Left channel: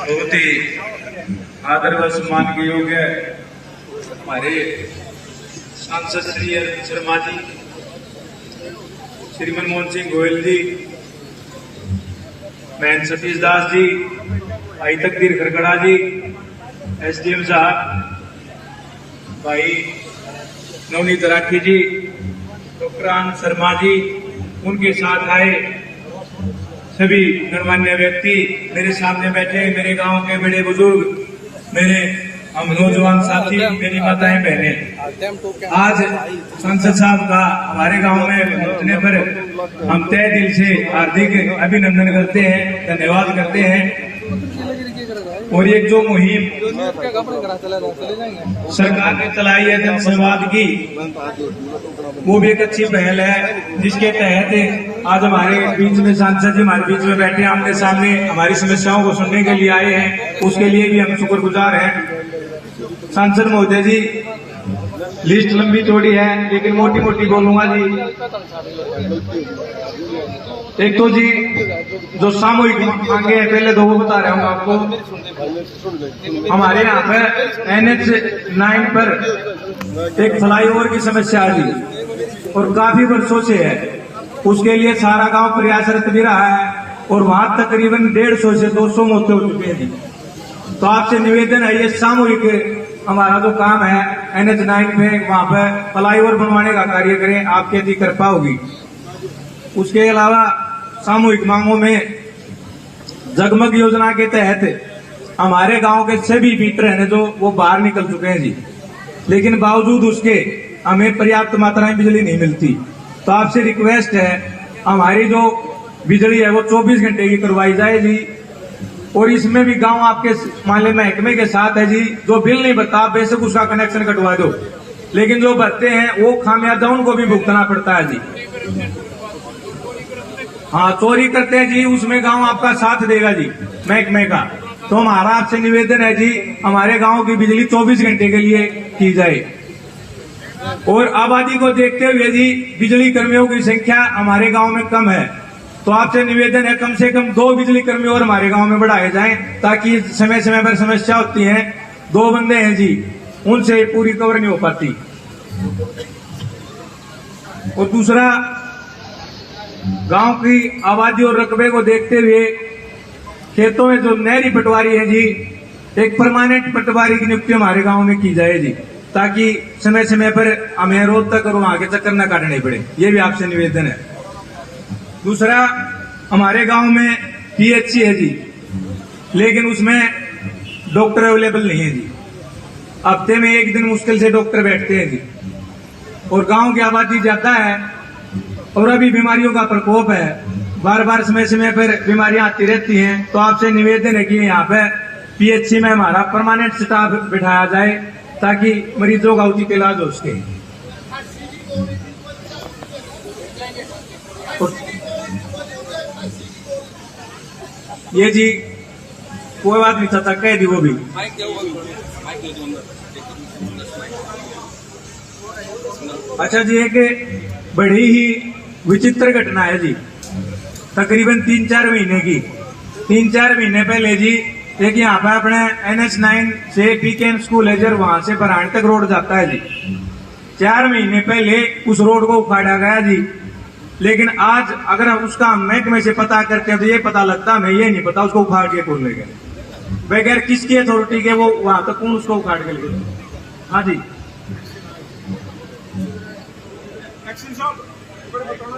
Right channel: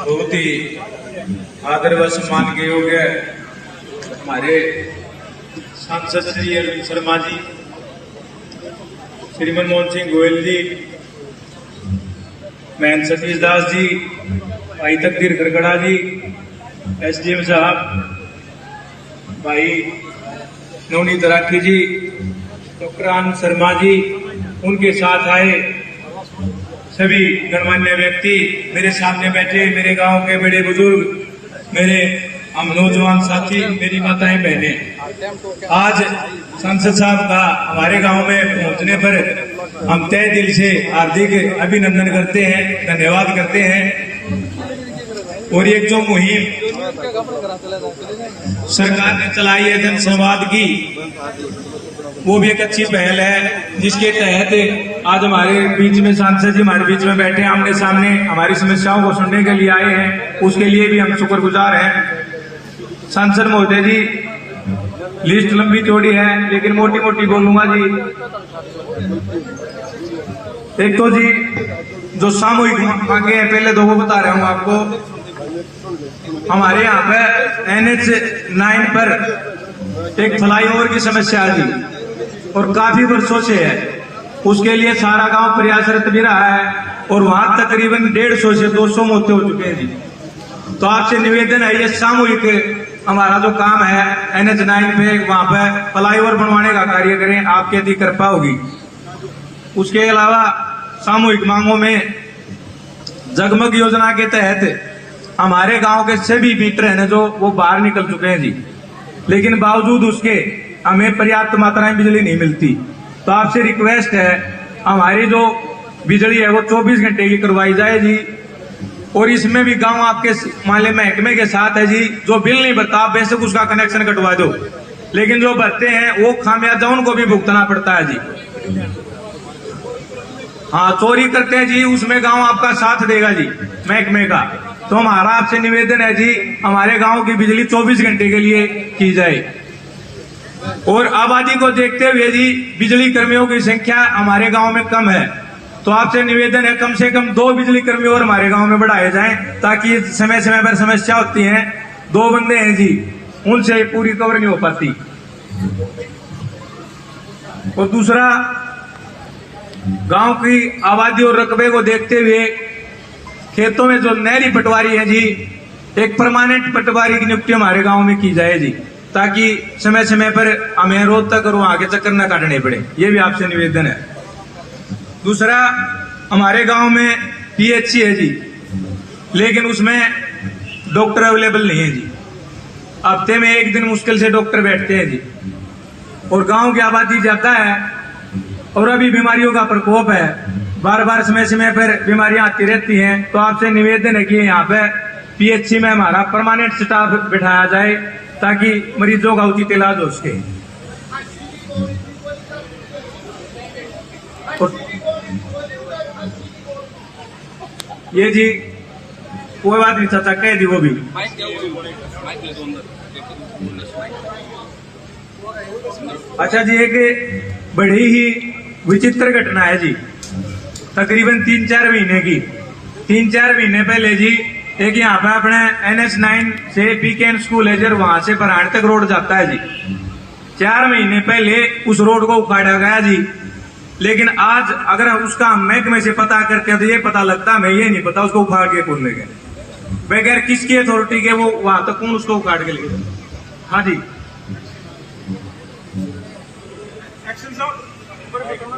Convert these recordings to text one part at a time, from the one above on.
बहुत ही आदर व सम्मान के योग्य हमारे सांसद श्री अरविंद शर्मा जी, श्री मनमोहन सिंह गोयल जी, महन सतीश दास जी, भाई तकदीर खरगड़ा जी, एसडीएम साहब, भाई नवनीत राठी जी, डॉक्टर आनंद शर्मा जी, उनके साथ आए सभी गणमान्य व्यक्ति, मेरे सामने बैठे मेरे गांव के बड़े बुजुर्ग, मेरे हम नौजवान साथी, मेरी माताएं बहनें, आज सांसद साहब का हमारे गांव में पहुंचने पर हम तहे दिल से हार्दिक अभिनंदन करते हैं, धन्यवाद करते हैं। और एक जो मुहिम सरकार ने चलाई है जन संवाद की, वो भी एक अच्छी पहल है, जिसके तहत आज हमारे बीच में सांसद जी हमारे बीच में बैठे आमने सामने हमारी समस्याओं को सुनने के लिए आए हैं। उसके लिए भी हम शुक्रगुजार हैं। सांसद महोदय जी, लिस्ट लंबी चौड़ी है लेकिन मोटी मोटी बोलूंगा जी। एक तो जी जो सामूहिक मांगे हैं, पहले दो बता रहा हूँ आपको। हमारे यहाँ पे NH9 पर एक फ्लाईओवर की समस्या है जी, और काफी वर्षों से है। उसके लिए सारा गांव प्रयासरत भी रहा है, और वहां तकरीबन 150 से 200 मौतें हो चुकी हैं जी। तो आपसे निवेदन है, ये सामूहिक हमारा जो काम है NH9 पे, वहां पे फ्लाईओवर बनवाने का कार्य करें, आपके यदि कृपा होगी। उसके अलावा सामूहिक मांगों में जगमग योजना के तहत हमारे गांव के सभी मीटर हैं जो वो बाहर निकल चुके हैं जी, लेकिन बावजूद उसके हमें पर्याप्त मात्रा में बिजली नहीं मिलती। तो आपसे रिक्वेस्ट है, हमारी जो बिजली है वो 24 घंटे की करवाई जाए जी। और इसमें भी गांव आपके माले महकमे के साथ है जी। जो बिल नहीं भरता आप बेशक उसका कनेक्शन कटवा दो, लेकिन जो भरते हैं वो खामियाजा उनको भी भुगतना पड़ता है जी। हाँ, चोरी करते हैं जी, उसमें गांव आपका साथ देगा जी महकमे का। तो हमारा आपसे निवेदन है जी, हमारे गांव की बिजली 24 घंटे के लिए की जाए। और आबादी को देखते हुए जी, बिजली कर्मियों की संख्या हमारे गांव में कम है, तो आपसे निवेदन है कम से कम 2 बिजली कर्मी और हमारे गांव में बढ़ाए जाएं, ताकि समय समय पर समस्या होती है। 2 बंदे हैं जी, उनसे पूरी कवर नहीं हो पाती। और दूसरा, गांव की आबादी और रकबे को देखते हुए खेतों में जो नहरी पटवारी है जी, एक परमानेंट पटवारी की नियुक्ति हमारे गांव में की जाए जी, ताकि समय समय पर हमें रोज तक और वहां के चक्कर न काटने पड़े। ये भी आपसे निवेदन है। दूसरा, हमारे गांव में PHC है जी, लेकिन उसमें डॉक्टर अवेलेबल नहीं है जी। हफ्ते में 1 दिन मुश्किल से डॉक्टर बैठते हैं जी। और गांव की आबादी ज्यादा है, और अभी बीमारियों का प्रकोप है, बार बार समय समय पर बीमारियां आती रहती हैं। तो आपसे निवेदन है कि यहाँ पे PHC में हमारा परमानेंट स्टाफ बिठाया जाए, ताकि मरीजों का उचित इलाज हो सके। ये जी कोई बात नहीं चाचा, कह दी वो भी। अच्छा जी, एक बड़ी ही विचित्र घटना है जी, तकरीबन 3-4 महीने की। 3-4 महीने पहले जी, एक यहाँ पे अपने NH9 से PKN स्कूल है जर, वहां से बराण तक रोड जाता है जी। 4 महीने पहले उस रोड को उखाड़ा गया जी, लेकिन आज अगर हम उसका महकमे से पता करते हैं तो ये पता लगता, हमें ये नहीं पता उसको उखाड़ के कौन ले गए, बगैर किसकी अथॉरिटी के वो वहां तक कौन उसको उखाड़ के ले गए। हाँ जी,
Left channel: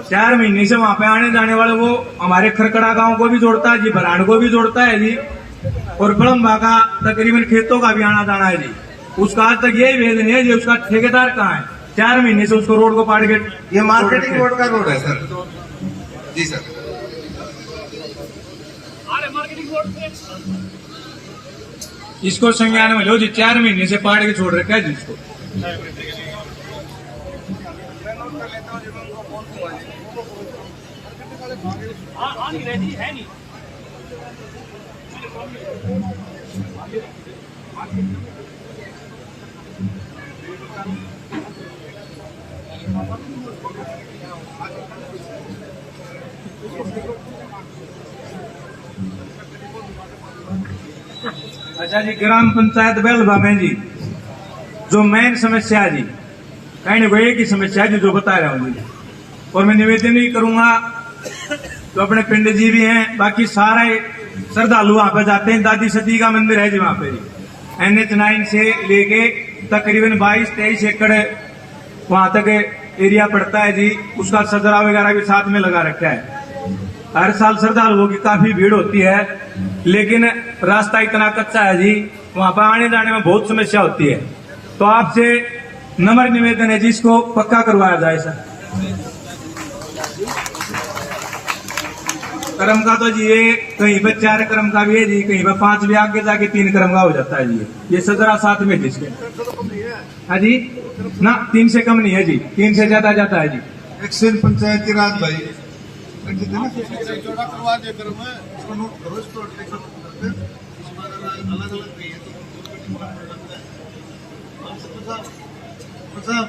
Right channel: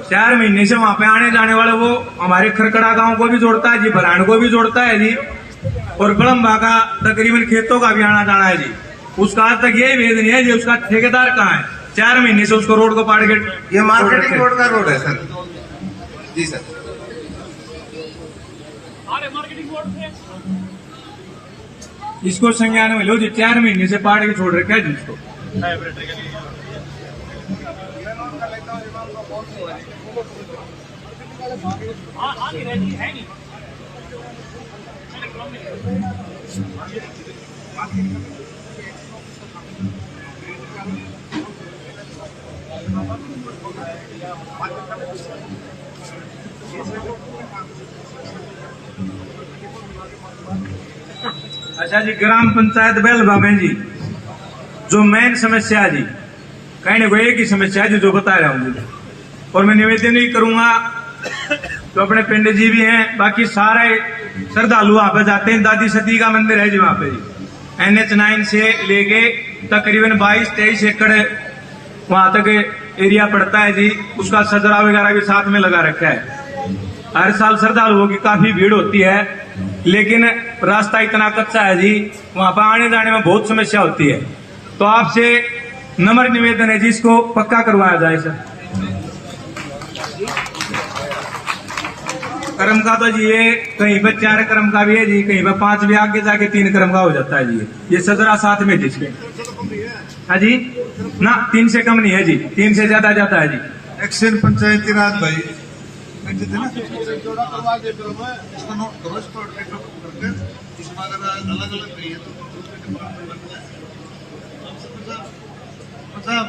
4 महीने से वहां पे आने जाने वाले वो हमारे खरकड़ा गांव को भी जोड़ता है जी, बराण को भी जोड़ता है जी, और बड़म्बा का तकरीबन खेतों का भी आना जाना है जी। उसका आज तक यही भेद नहीं है जी, उसका ठेकेदार कहाँ है। 4 महीने से उसको रोड को पाड़ के, ये मार्केटिंग रोड का रोड है सर जी। सर इसको संज्ञान में लो जी, 4 महीने से पाड़ के छोड़ रखा है जी इसको। अच्छा जी, ग्राम पंचायत बेलवा में जी जो मेन समस्या है जी, कहने को एक ही समस्या है जो बता रहा हूँ जी। और मैं निवेदन ही करूंगा, तो अपने पिंड जी भी हैं, बाकी सारे श्रद्धालु वहां पर जाते हैं। दादी सती का मंदिर है जी वहां पे, NH9 से लेके तकरीबन 22-23 एकड़ वहां तक एरिया पड़ता है जी। उसका सजरा वगैरह भी साथ में लगा रखा है। हर साल श्रद्धालुओं की काफी भीड़ होती है, लेकिन रास्ता इतना कच्चा है जी, वहां पर आने जाने में बहुत समस्या होती है। तो आपसे नम्र निवेदन है जी, इसको पक्का करवाया जाए सर। क्रम का तो जी ये कहीं पर 4 क्रम का भी है जी, कहीं पर 5 भी, आगे जाके 3 क्रम का हो जाता है जी। ये सजरा साथ में जिसके हाँ जी ना, 3 से कम नहीं है जी, 3 से ज्यादा जाता है जी। एक्शन पंचायती राज भाई चौड़ा करवा के फिर मैं इसको नोट करो, इसको ट्रैक्टर करके इसमें अगर अलग अलग नहीं है तो डिपार्टमेंट लगता है। साहब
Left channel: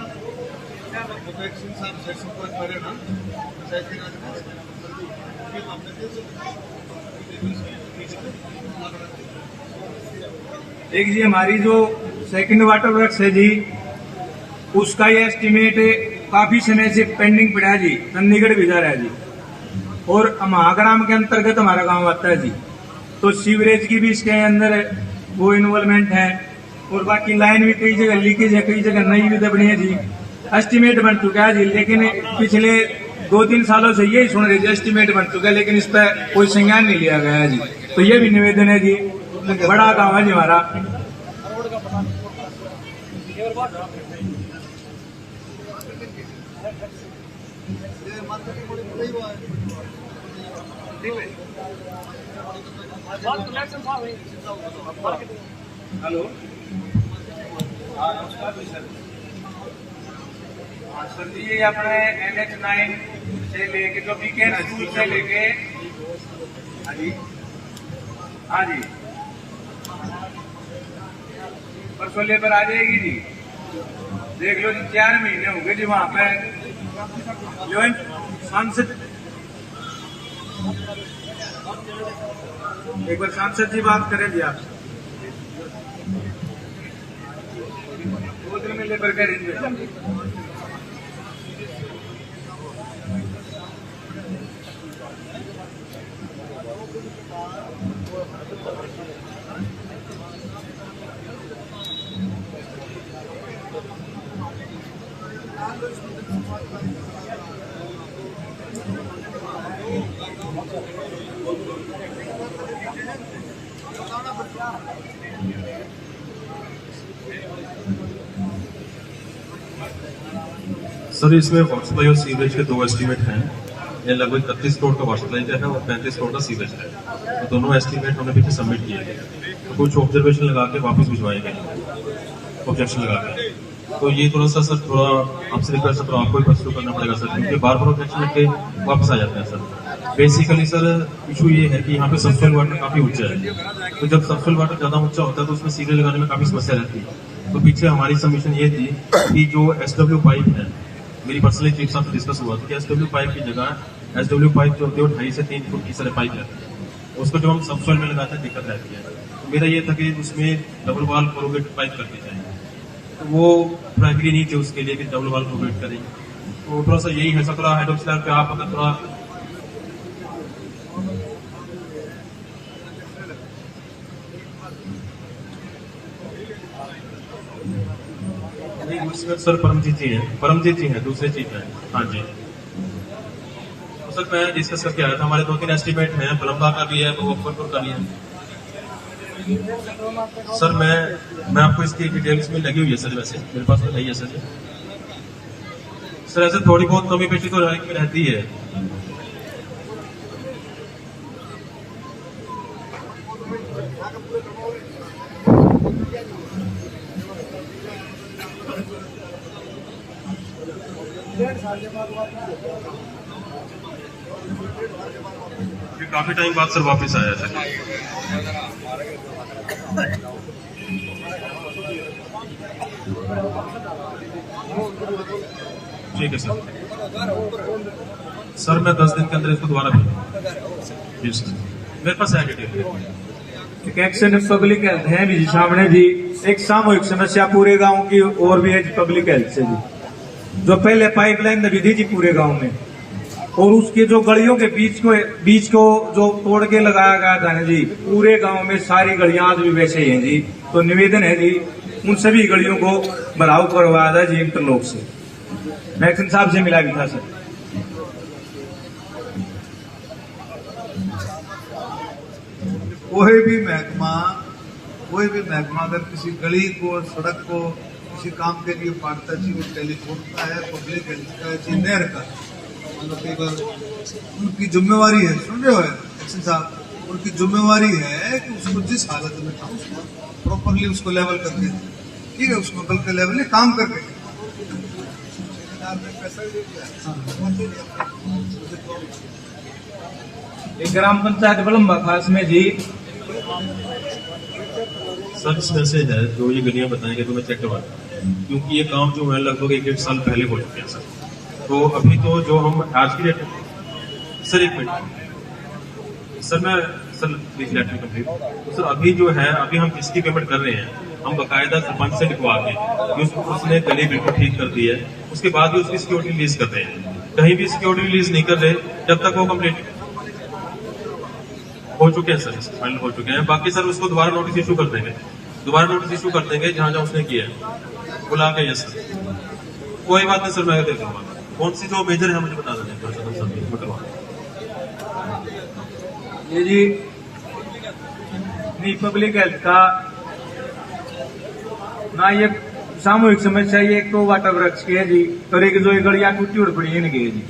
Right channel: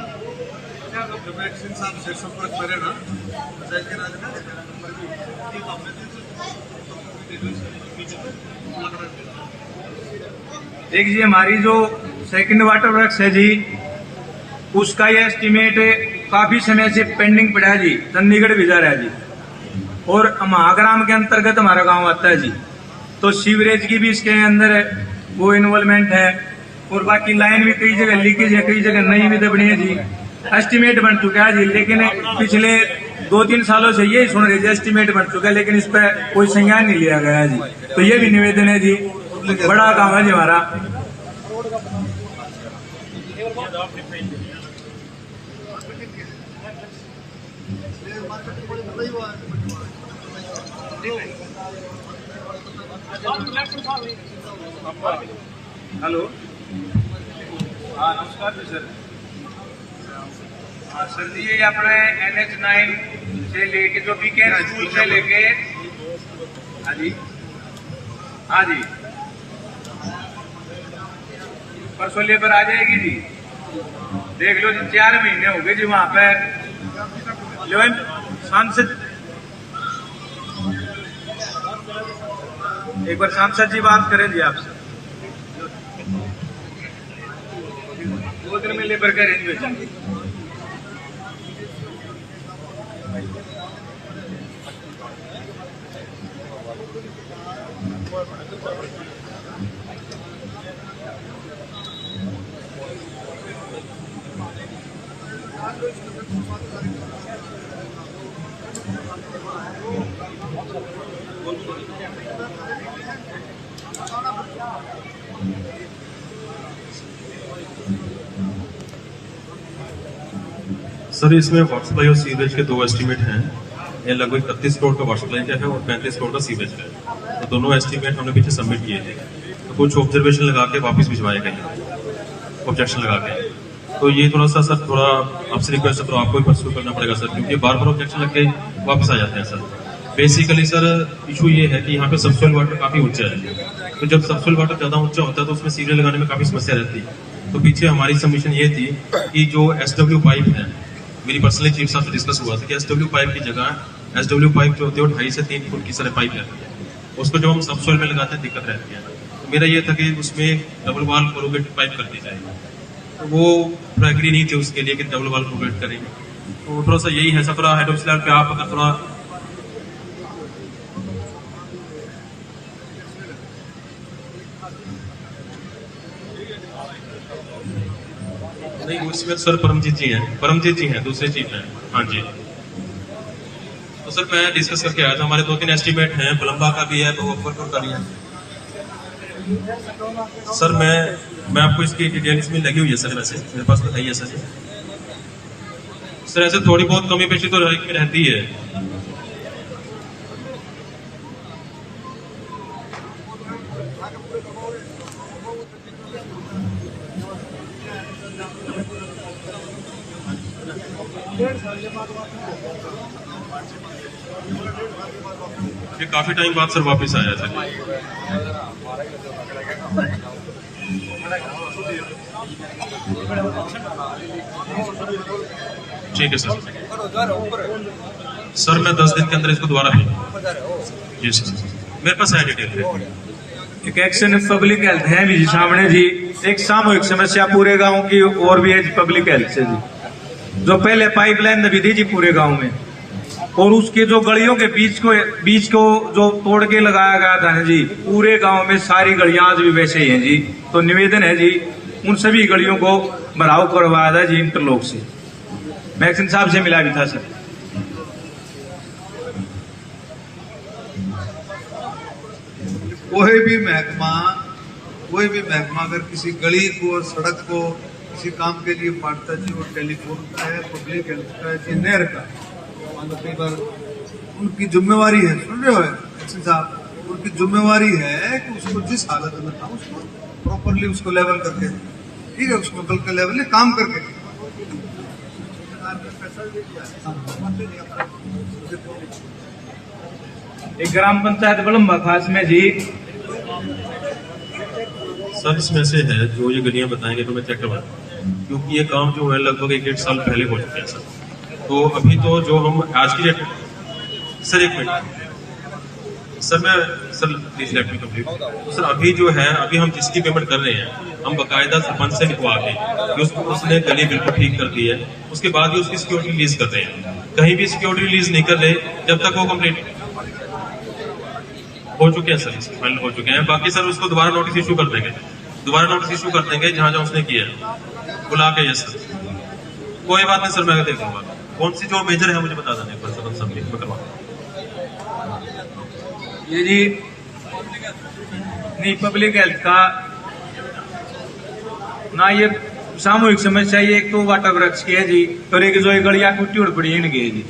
जब एक्शन साहब से संपर्क करे ना पंचायत के राज का नंबर भी ये हमने दे तो लग रहा है। एक जी हमारी जो सेकंड वाटर वर्क्स है जी, उसका ये एस्टीमेट काफी समय से पेंडिंग पड़ा है जी, चंडीगढ़ भेजा रहा है जी। और महाग्राम के अंतर्गत हमारा गांव आता है जी, तो सीवरेज की भी इसके अंदर वो इन्वॉल्वमेंट है। और बाकी लाइन भी कई जगह लीकेज है, कई जगह नई भी दबनी है जी। एस्टीमेट बन चुका है जी, लेकिन पिछले 2-3 सालों से यही सुन रहे थे एस्टीमेट बन चुका है, लेकिन इस पर कोई संज्ञान नहीं लिया गया है जी। तो ये भी निवेदन है जी, बड़ा गाँव है जी हमारा। हेलो, हाँ नमस्कार जी सर। हाँ सर जी, ये अपने NH9 से लेके जो वीकेंड स्कूल से लेके हाँ जी हाँ जी परसों लेबर आ जाएगी जी। देख लो जी, 4 महीने हो गए जी वहां पर सांसद, एक बार सांसद जी बात करें जी आपसे। 2 दिन में लेबर का रेंज में सर, इसमें वाटर सप्लाई और सीवरेज के 2 एस्टीमेट हैं। ये लगभग 31 करोड़ का वाटर सप्लाई का है और 35 करोड़ का सीवरेज का है। तो दोनों एस्टीमेट हमने पीछे सबमिट किए थे, तो कुछ ऑब्जर्वेशन लगा के वापस भिजवाए गए, ऑब्जेक्शन लगा के। तो ये थोड़ा सा सर, थोड़ा आपसे रिक्वेस्ट है, तो आपको ही परस्यू करना पड़ेगा सर, क्योंकि बार बार ऑब्जेक्शन लग के वापस आ जाते हैं सर। बेसिकली सर इशू ये है कि यहाँ पे सबसोइल वाटर काफी ऊंचा है, तो जब सबसोइल वाटर ज्यादा ऊंचा होता है तो उसमें सीवरेज लगाने में काफी समस्या रहती है। तो पीछे हमारी सबमिशन ये थी कि जो SW पाइप है, मेरी पर्सनली चीफ साहब से डिस्कस हुआ था कि SW पाइप की जगह SW पाइप जो होती है वो 2.5 से 3 फुट की सारे पाइप रहती है, उसको जब हम सबसोइल में लगाते हैं दिक्कत रहती है। तो मेरा ये था कि उसमें डबल वाल कोरुगेट पाइप कर दी जाए, तो वो थोड़ा एग्री नहीं थे उसके लिए कि डबल वाल कोरुगेट करेंगे। तो थोड़ा सा यही है सर, थोड़ा हेड ऑफ स्लैब पे आप अगर थोड़ा नहीं, उसमें सर परमजीत जी हैं, दूसरे चीफ हैं। हाँ जी, तो सर मैं डिस्कस करके आया था, हमारे 2-3 एस्टीमेट हैं, बलम्बा का भी है, मुजफ्फरपुर का भी है। सर मैं आपको इसकी डिटेल इसमें लगी हुई है सर, वैसे मेरे पास तो है ही है सर। सर ऐसे थोड़ी बहुत कमी पेशी तो रहती है। अभी काफी टाइम बाद सर वापस आया सर। ठीक है सर। सर मैं 10 दिन के अंदर इसको दोबारा भेजूंगा। जी सर, मेरे पास है डिटेल। एक एक्शन पब्लिक हेल्थ है भी जी सामने जी। एक सामूहिक समस्या पूरे गांव की और भी है जी पब्लिक हेल्थ से जी। जो पहले पाइपलाइन दबी थी जी पूरे गांव में, और उसके जो गलियों के बीच को जो तोड़ के लगाया गया था जी, पूरे गांव में सारी गलियां आज भी वैसे ही हैं जी। तो निवेदन है जी उन सभी गलियों को भराव करवाया था जी इंटरलॉक से। मैं एक्शन साहब से मिला भी था सर। कोई भी महकमा अगर किसी गली को, सड़क को किसी काम के लिए बांटता जी, वो टेलीफोन का है, पब्लिक हेल्थ का है जी, नहर का है। मान लो कई बार उनकी जिम्मेवारी है, सुन रहे हो एक्शन साहब, उनकी जिम्मेवारी है कि उसको जिस हालत में था उसको प्रॉपरली उसको लेवल करके, ठीक है, उसको बल्कि लेवल में काम करके पैसा दे दिया। एक ग्राम पंचायत बलम्बा खास में जी। सर इसमें से है जो ये गलियां बताएंगे तो मैं चेक करवा दूं, क्योंकि ये काम जो है लगभग 1-1.5 साल पहले हो चुके हैं सर। तो अभी तो जो हम आज की date, sir 1 minute sir please let me complete. Sir अभी जो है, अभी हम जिसकी पेमेंट कर रहे हैं हम बकायदा सरपंच से लिखवा के कि उसने गली बिल्कुल ठीक कर दी है, उसके बाद ही उसकी सिक्योरिटी रिलीज कर रहे हैं। कहीं भी सिक्योरिटी रिलीज नहीं कर रहे जब तक वो कंप्लीट हो चुके हैं सर, फाइनल हो चुके हैं। बाकी सर उसको दोबारा नोटिस इशू कर देंगे, जहां जहां उसने किया है बुला के। यस सर, कोई बात नहीं सर, मैं देख लूंगा कौन सी जो मेजर है मुझे बता देना एक बार सर, सबमिट मैं करवा ये जी नहीं पब्लिक हेल्थ का ना, ये सामूहिक समस्या ये एक तो वाटर वृक्ष की है जी, और एक जो ये गलियां टूटी उड़ पड़ी इनकी है जी।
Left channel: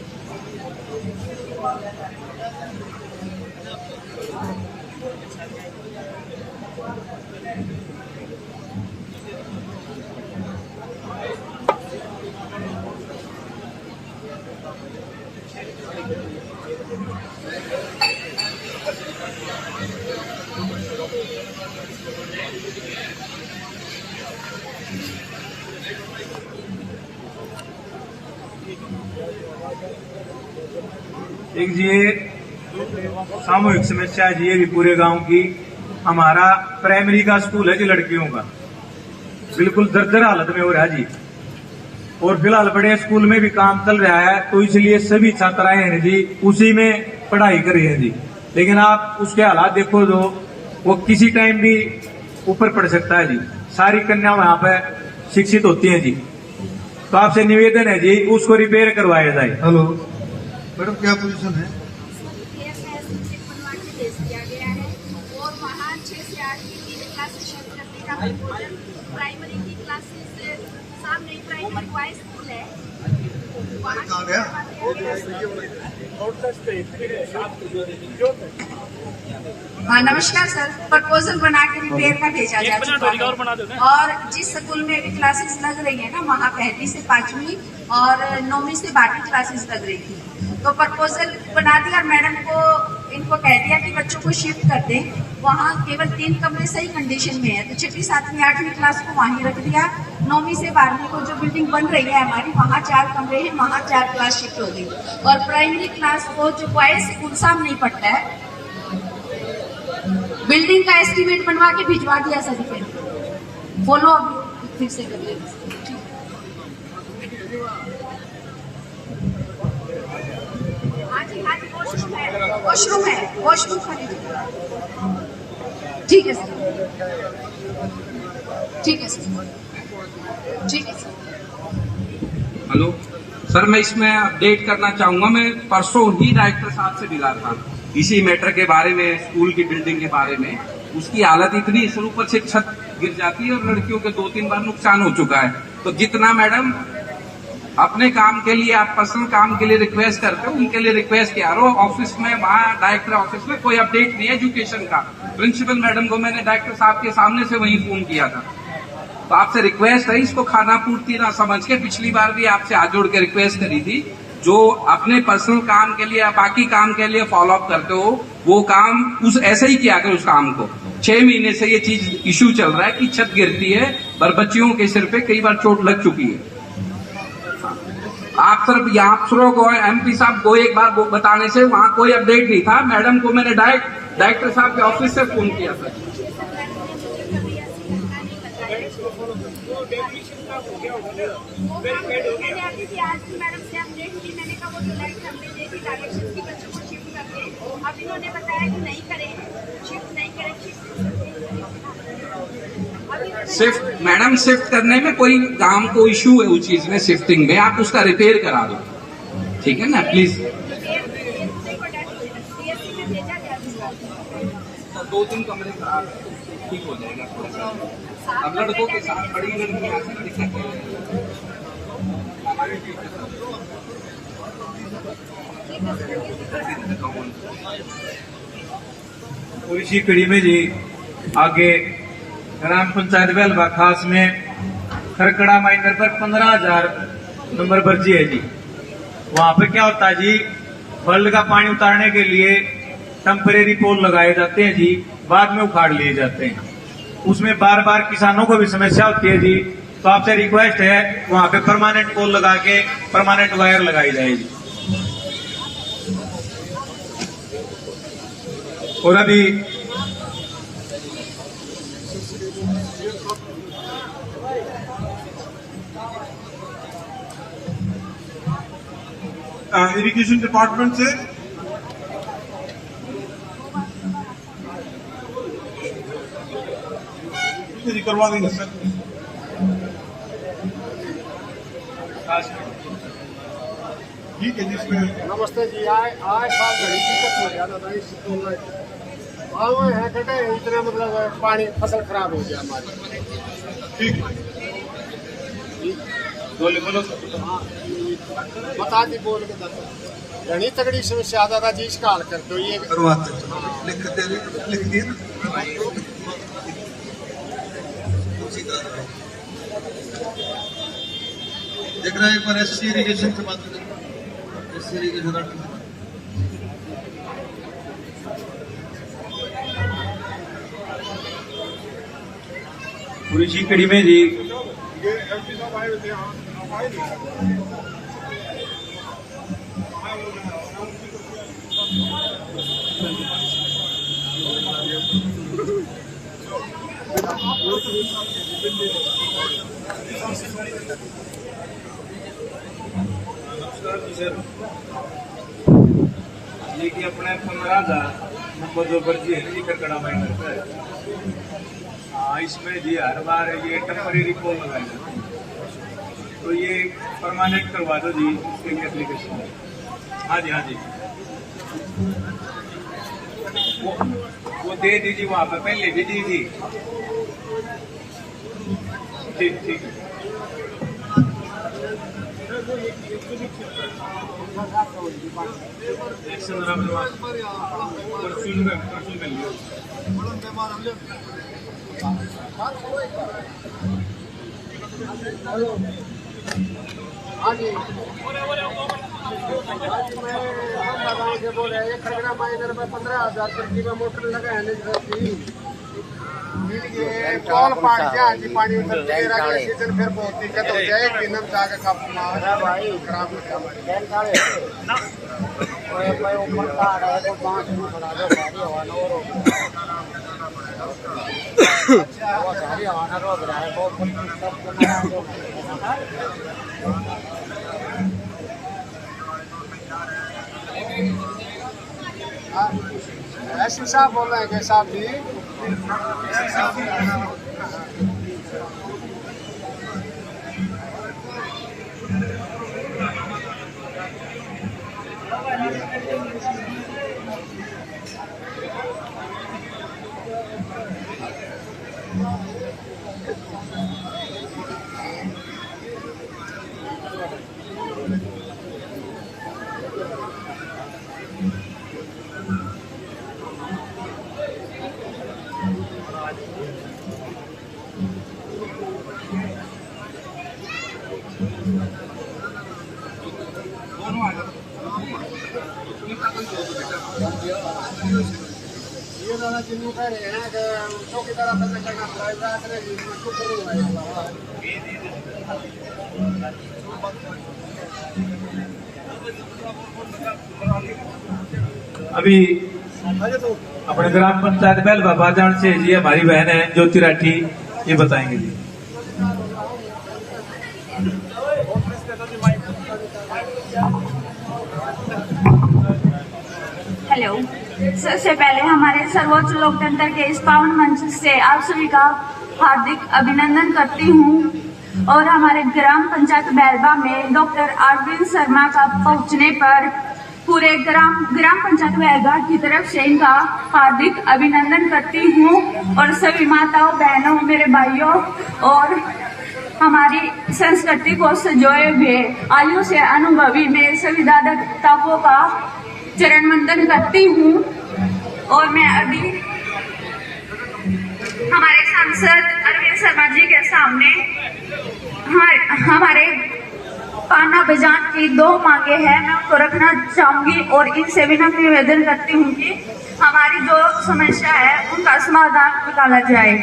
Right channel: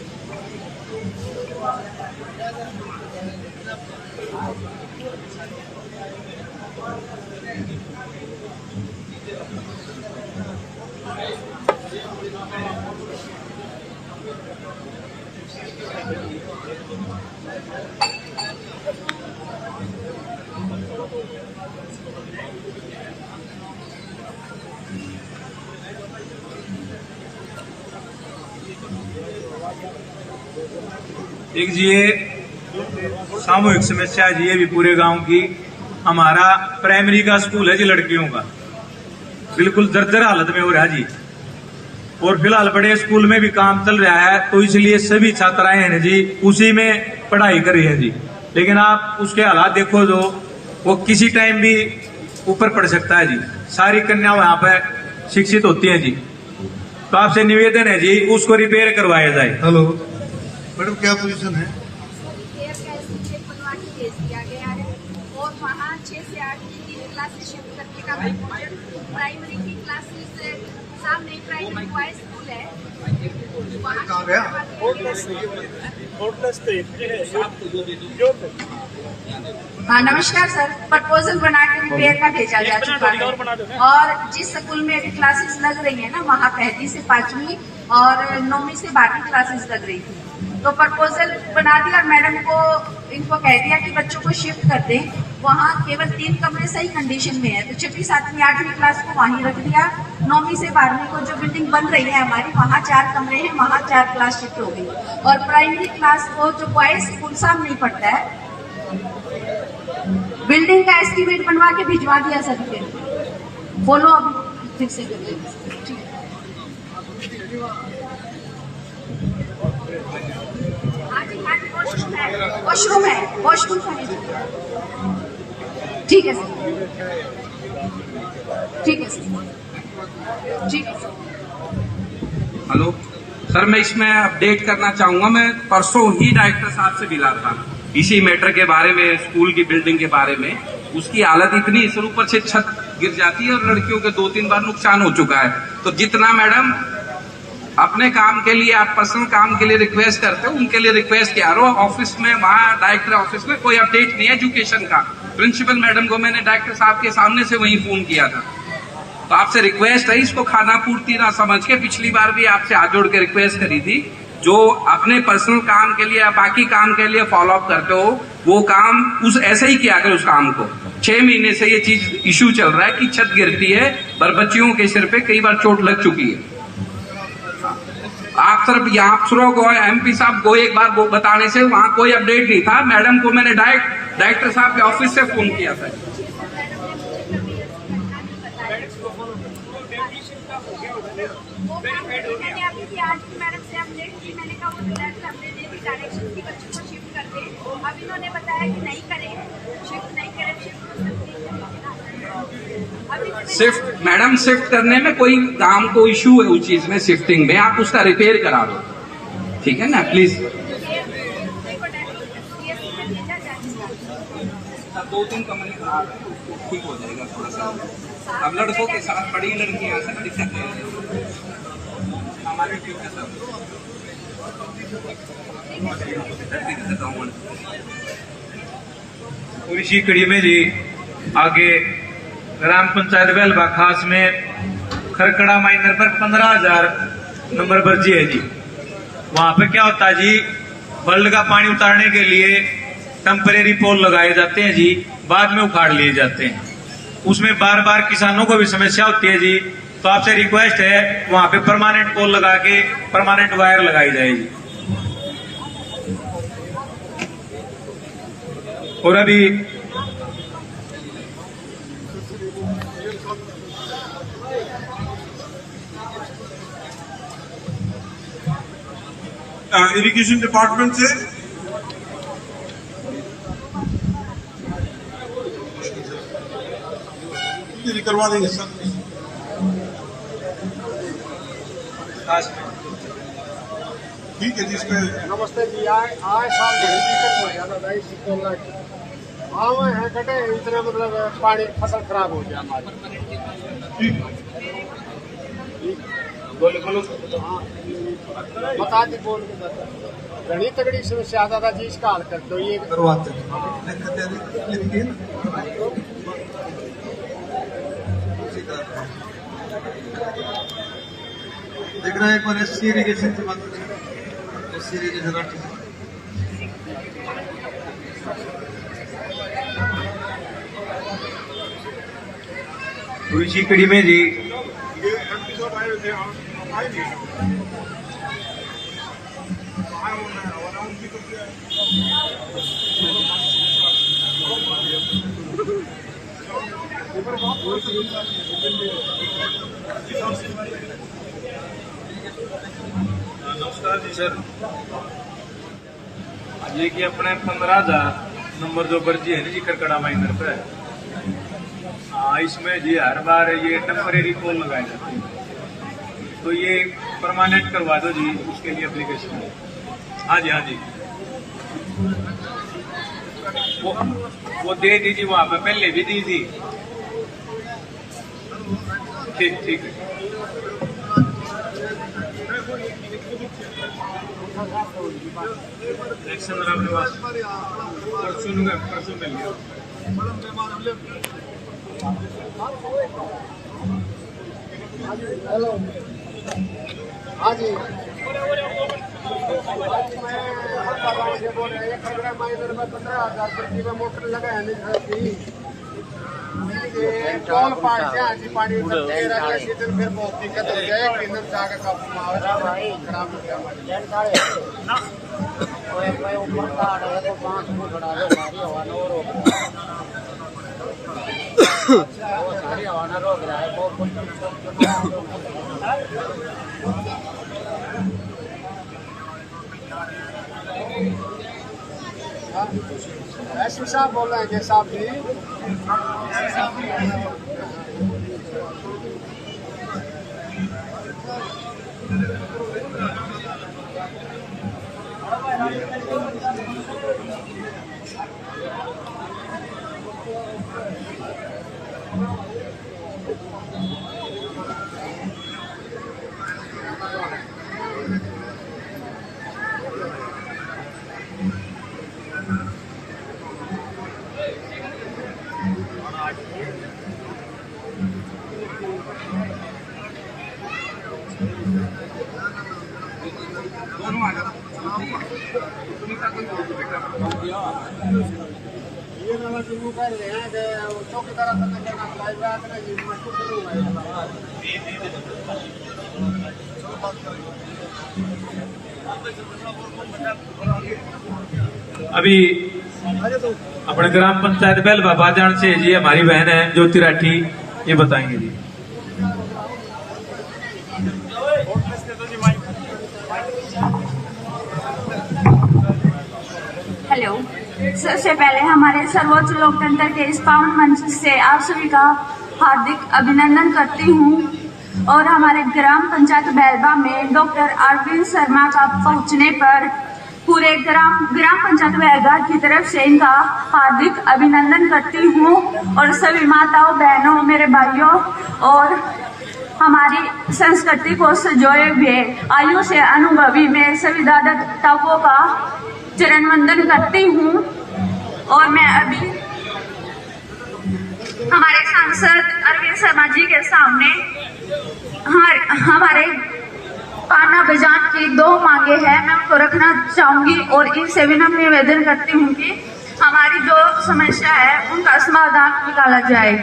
एक जी ये सामूहिक समस्या है जी, ये भी पूरे गांव की। हमारा प्राइमरी का स्कूल है जी लड़कियों का, बिल्कुल जर्जर हालत में हो रहा है जी, और फिलहाल बड़े स्कूल में भी काम चल रहा है, तो इसलिए सभी छात्राएं हैं जी उसी में पढ़ाई कर रही है जी। लेकिन आप उसके हालात देखो जो वो किसी टाइम भी ऊपर पड़ सकता है जी। सारी कन्या वहां पर शिक्षित होती हैं जी, तो आपसे निवेदन है जी उसको रिपेयर करवाया जाए। हेलो मैडम, क्या पोजीशन है? बनवा के भेज दिया गया है, और वहाँ 6 से 8 की क्लासेस शिफ्ट करने का प्रपोजल। प्राइमरी की क्लासेस सामने प्राइमरी बॉयज स्कूल है, वहाँ कहाँ गया? हाँ नमस्कार सर, प्रपोजल बना के रिपेयर का भेजा जा चुका है, और जिस स्कूल में अभी क्लासेस लग रही है ना, वहाँ 1ली से 5वीं और 9वीं से 12वीं क्लासेस लग रही थी, तो प्रपोजल बना दिया और मैडम को इनको कह दिया कि बच्चों को शिफ्ट कर दें। वहाँ केवल 3 कमरे सही कंडीशन में है, तो 6वीं 7वीं 8वीं क्लास को वहीं रख दिया। 9वीं से 12वीं को जो बिल्डिंग बन रही है हमारी, वहाँ 4 कमरे हैं, वहाँ 4 क्लास शिफ्ट हो गई। और प्राइमरी क्लास को जो बॉयज स्कूल सामने ही पड़ता है, बिल्डिंग का एस्टीमेट बनवा के भिजवा दिया सर, फिर बोलो अभी फिर से कर लेंगे। वॉशरूम है, वॉशरूम खाली, ठीक है सर, ठीक है सर, ठीक है सर। हेलो सर, मैं इसमें अपडेट करना चाहूंगा। मैं परसों ही डायरेक्टर साहब से मिला था इसी मैटर के बारे में, स्कूल की बिल्डिंग के बारे में। उसकी हालत इतनी, सर ऊपर से छत गिर जाती है और लड़कियों के 2-3 बार नुकसान हो चुका है। तो जितना मैडम अपने काम के लिए, आप पर्सनल काम के लिए रिक्वेस्ट करते हो, उनके लिए रिक्वेस्ट किया रहो। ऑफिस में, वहाँ डायरेक्टर ऑफिस में कोई अपडेट नहीं है एजुकेशन का। प्रिंसिपल मैडम को मैंने डायरेक्टर साहब के सामने से वहीं फोन किया था। तो आपसे रिक्वेस्ट है, इसको खाना पूर्ति ना समझ के, पिछली बार भी आपसे हाथ जोड़ के रिक्वेस्ट करी थी, जो अपने पर्सनल काम के लिए या बाकी काम के लिए फॉलो अप करते हो, वो काम उस ऐसे ही किया करो उस काम को। 6 महीने से ये चीज इश्यू चल रहा है कि छत गिरती है पर बच्चियों के सिर पे कई बार चोट लग चुकी है। आप सिर्फ यहाँ अफसरों को, MP साहब को एक बार बताने से वहाँ कोई अपडेट नहीं था। मैडम को मैंने डायरेक्टर साहब के ऑफिस से फोन किया था। वो काम मैंने अभी भी आज भी मैडम से अपडेट की, मैंने कहा वो जो लेटर हमने दे दी डायरेक्शन की बच्चों को शिफ्ट कर दे, अब इन्होंने बताया कि नहीं करे, शिफ्ट नहीं करे, शिफ्ट कर सकते हैं। शिफ्ट मैडम, शिफ्ट करने में कोई काम को इशू है उस चीज में, शिफ्टिंग में आप उसका रिपेयर करा दो, ठीक है ना, प्लीज। 2-3 कमरे खराब है, ठीक हो जाएगा थोड़ा सा। अब लड़कों के साथ बड़ी लड़कियां से दिक्कत है हमारे टीम के साथ। और इसी कड़ी में जी आगे ग्राम पंचायत बेलवा खास में खरकड़ा माइनर पर 15,000 नंबर पर्ची है जी। वहां पे क्या होता है जी, बल्ड का पानी उतारने के लिए टेम्परेरी पोल लगाए जाते हैं जी, बाद में उखाड़ लिए जाते हैं। उसमें बार बार किसानों को भी समस्या होती है जी, तो आपसे रिक्वेस्ट है वहां पे परमानेंट पोल लगा के परमानेंट वायर लगाई जाएगी। और अभी इरिगेशन डिपार्टमेंट से करवा देंगे सर। ठीक है जिसमें नमस्ते जी। आज साल घड़ी दिक्कत हो जाता था इस है कटे इतना, मतलब पानी फसल खराब हो गया हमारी। ठीक हाँ बता दी बोल के घनी तगड़ी समस्या आता था जी, इसका हल कर दो ये करवाते हैं। लिख दिए ना, देख रहे हैं एक बार एससी इरिगेशन से बात करें, एससी इरिगेशन और इसी कड़ी में जी नमस्कार जी सर, ये कि अपने 15,000 नंबर जो पर्ची है जी खरकड़ा माइनर पे, हाँ इसमें जी हर बार ये टेम्परेरी पोल लगाए जाते हैं, तो ये परमानेंट करवा दो जी, उसके लिए एप्लीकेशन है। हाँ जी हाँ जी, वो दे दीजिए, वहां पे पहले भी दी थी। ठीक ठीक है। परसों मिल गया। हेलो हाँ जी बोल रहे हैं खरगड़ा माइनर में 15,000 में मोटर लगा है कॉल पाट पानी सीजन फिर बहुत दिक्कत हो जाए, तीनम जाकर खराब हो गया। ऐसी साहब बोल रहे हैं कि साहब जी ये दादा जिन्हों कह रहे हैं कि चौकीदार करना पड़ेगा, मैं चुप करूंगा। अभी अपने ग्राम पंचायत बेलवा बाजान से जी हमारी बहन है ज्योति राठी, ये बताएंगे जी। हेलो। सबसे पहले हमारे सर्वोच्च लोकतंत्र के इस पावन मंच से आप सभी का हार्दिक अभिनंदन करती हूँ और हमारे ग्राम पंचायत बैलबा में डॉक्टर अरविंद शर्मा का पहुंचने पर पूरे ग्राम पंचायत बैलबा की तरफ से इनका हार्दिक अभिनंदन करती हूँ और सभी माताओं, बहनों, मेरे भाइयों और हमारी संस्कृति को संजोए हुए आयु से अनुभवी मेरे सभी दादा पिताओं का चरण वंदन करती हूँ। और मैं अभी हमारे सांसद अरविंद शर्मा जी के सामने हमारे पाना बजान की 2 मांगे हैं, मैं उनको रखना चाहूंगी और इनसे भी मैं निवेदन करती हूँ कि हमारी जो समस्या है उनका समाधान निकाला जाए।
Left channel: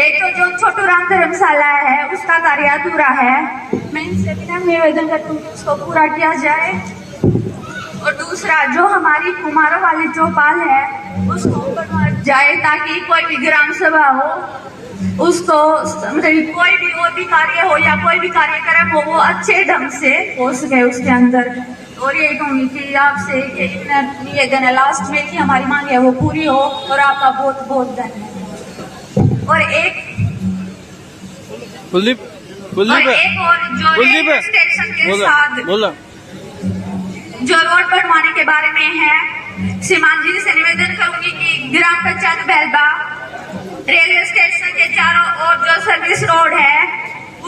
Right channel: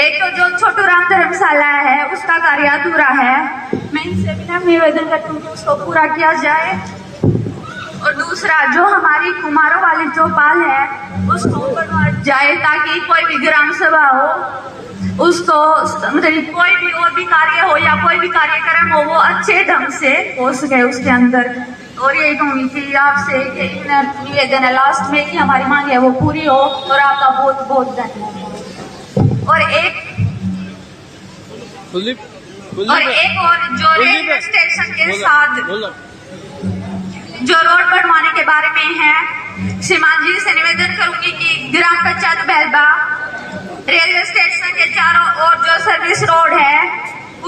एक तो जो छोटू राम धर्मशाला है उसका कार्य अधूरा है, मैं इनसे भी निवेदन करती हूँ कि उसको पूरा किया जाए। और दूसरा जो हमारी कुमारों वाली चौपाल है उसको बनवाया जाए ताकि कोई भी ग्राम सभा हो उसको मतलब कोई भी और भी कार्य हो या कोई भी कार्यक्रम हो वो अच्छे ढंग से हो सके उसके अंदर। और ये कहूँगी कि आपसे निवेदन है लास्ट में कि हमारी मांग है वो पूरी हो और आपका बहुत बहुत धन्यवाद। और एक और जो रेलवे स्टेशन के साथ जो रोड बनवाने के बारे में है, श्रीमान जी से निवेदन करूंगी कि ग्राम पंचायत बैलबा रेलवे स्टेशन के चारों ओर जो सर्विस रोड है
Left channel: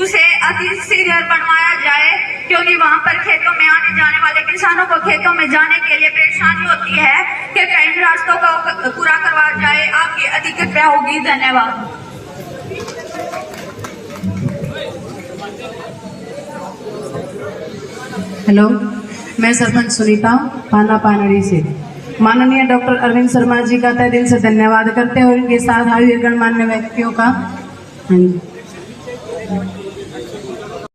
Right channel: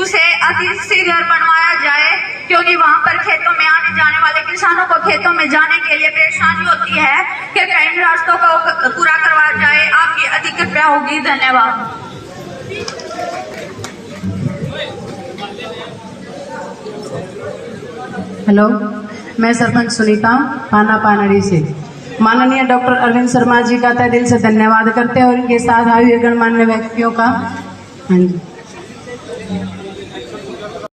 उसे अति शीघ्र बनवाया जाए, क्योंकि वहां पर खेतों में आने जाने वाले किसानों को खेतों में जाने के लिए परेशानी होती है। कृपया इन रास्तों को पूरा करवाया जाए, आपकी अति कृपया होगी। धन्यवाद। हेलो, मैं सरपंच सुनीता पाना पानड़ी से माननीय डॉक्टर अरविंद शर्मा जी का तहे दिल से धन्यवाद करते हैं और इनके साथ आए हुए गणमान्य व्यक्तियों का। हाँ जी।